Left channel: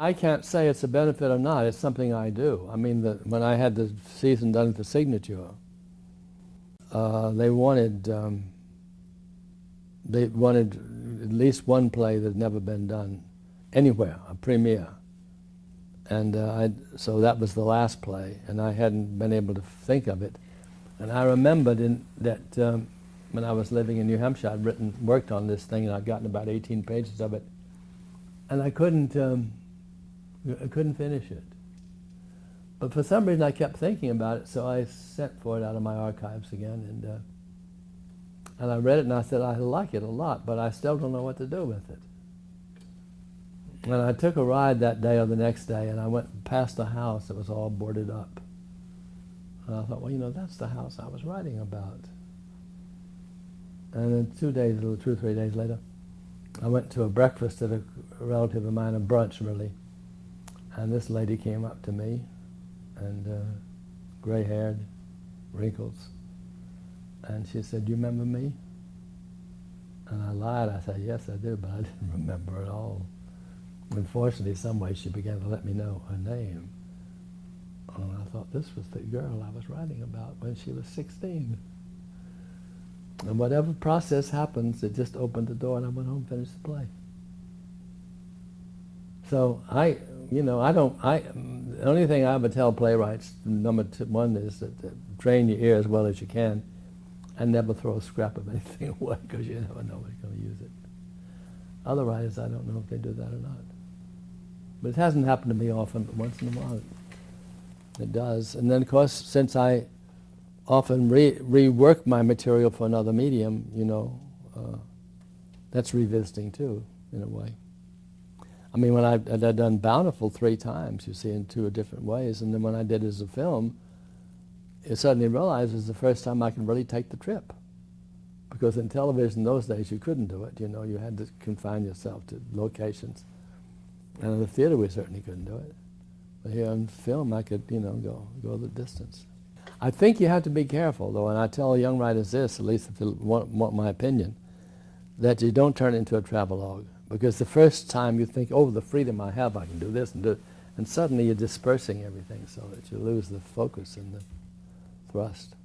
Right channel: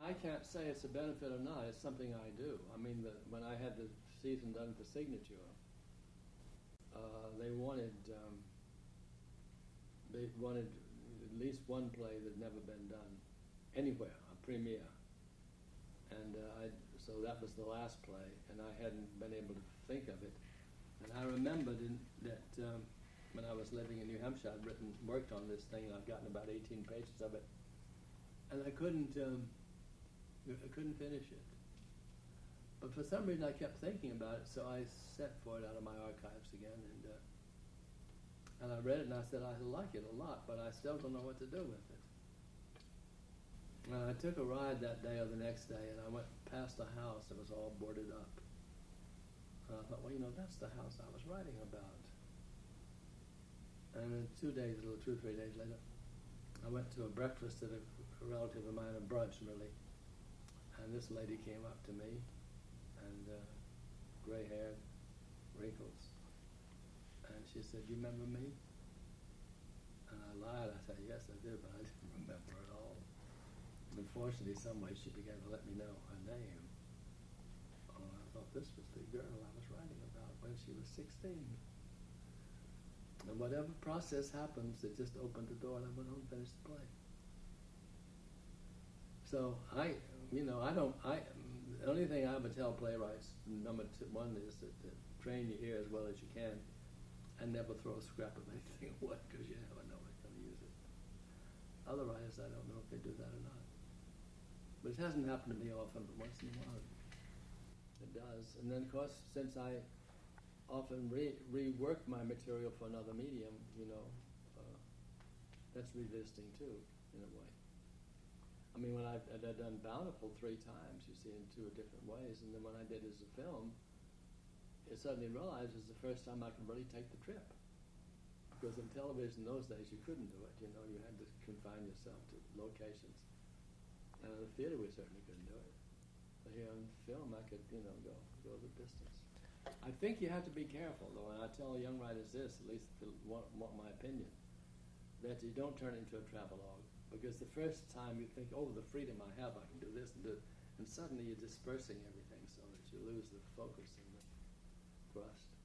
I can't say it's a benefit or not. It's something I do. I mean, when I had the season done at the Signature, they wanted at least one play that had never been done anywhere, a premiere. And so that was the last play, and I hadn't been able to think of it. And I remembered that when I was living in New Hampshire, I'd worked on this thing, and I'd gotten about 18 pages of it, and I couldn't finish it. But for some reason, I kept thinking about it, so I sent for it out of my archives again, and I read it, and I said, I like it a lot, but I still don't know what to do with it. And I took a ride that day or the next day, and I went past a house that was all boarded up. And I thought, well, you know, that's the house I was writing about. And then 2 or 3 days later, I went to a breakfast at a relative of mine, a brunch really, and this lady came up to me, and gray-haired, wrinkles, and she said, "Do you remember me?" And I lied. I said, "Yes, I do," but I didn't remember at all. Unfortunately, some way she began to let me know her name. And I thought this was the girl I was writing about when she was 16. And whatever process happens, it just opened the door, and I went home and finished the play. So the only thing I ever tell playwrights, number one, is that train your ear as well as you can, and never throw a scrap of anything away, because you never know who's going to use it. Other writers, I don't know if they do that or not. But it hasn't happened to me often, but once in a while it does. And then, of course, since I often rework my material for another medium, that's revisiting too, in a way. I mean, when I'd done Bountiful 3 times, you see, in 2 different ways, and then when I did it as a film, I suddenly realized it was the first time I could really take the trip. Because in television those days you couldn't do it, you had to confine yourself to locations. And in the theater we certainly couldn't do it. But here on film I could, go the distance. I think you have to be careful though, and I tell young writers this, at least if they want my opinion, that you don't turn it into a travelogue. Because the first time you think, oh, the freedom I have, I can do this and do it, and suddenly you're dispersing everything so that you lose the focus and the thrust.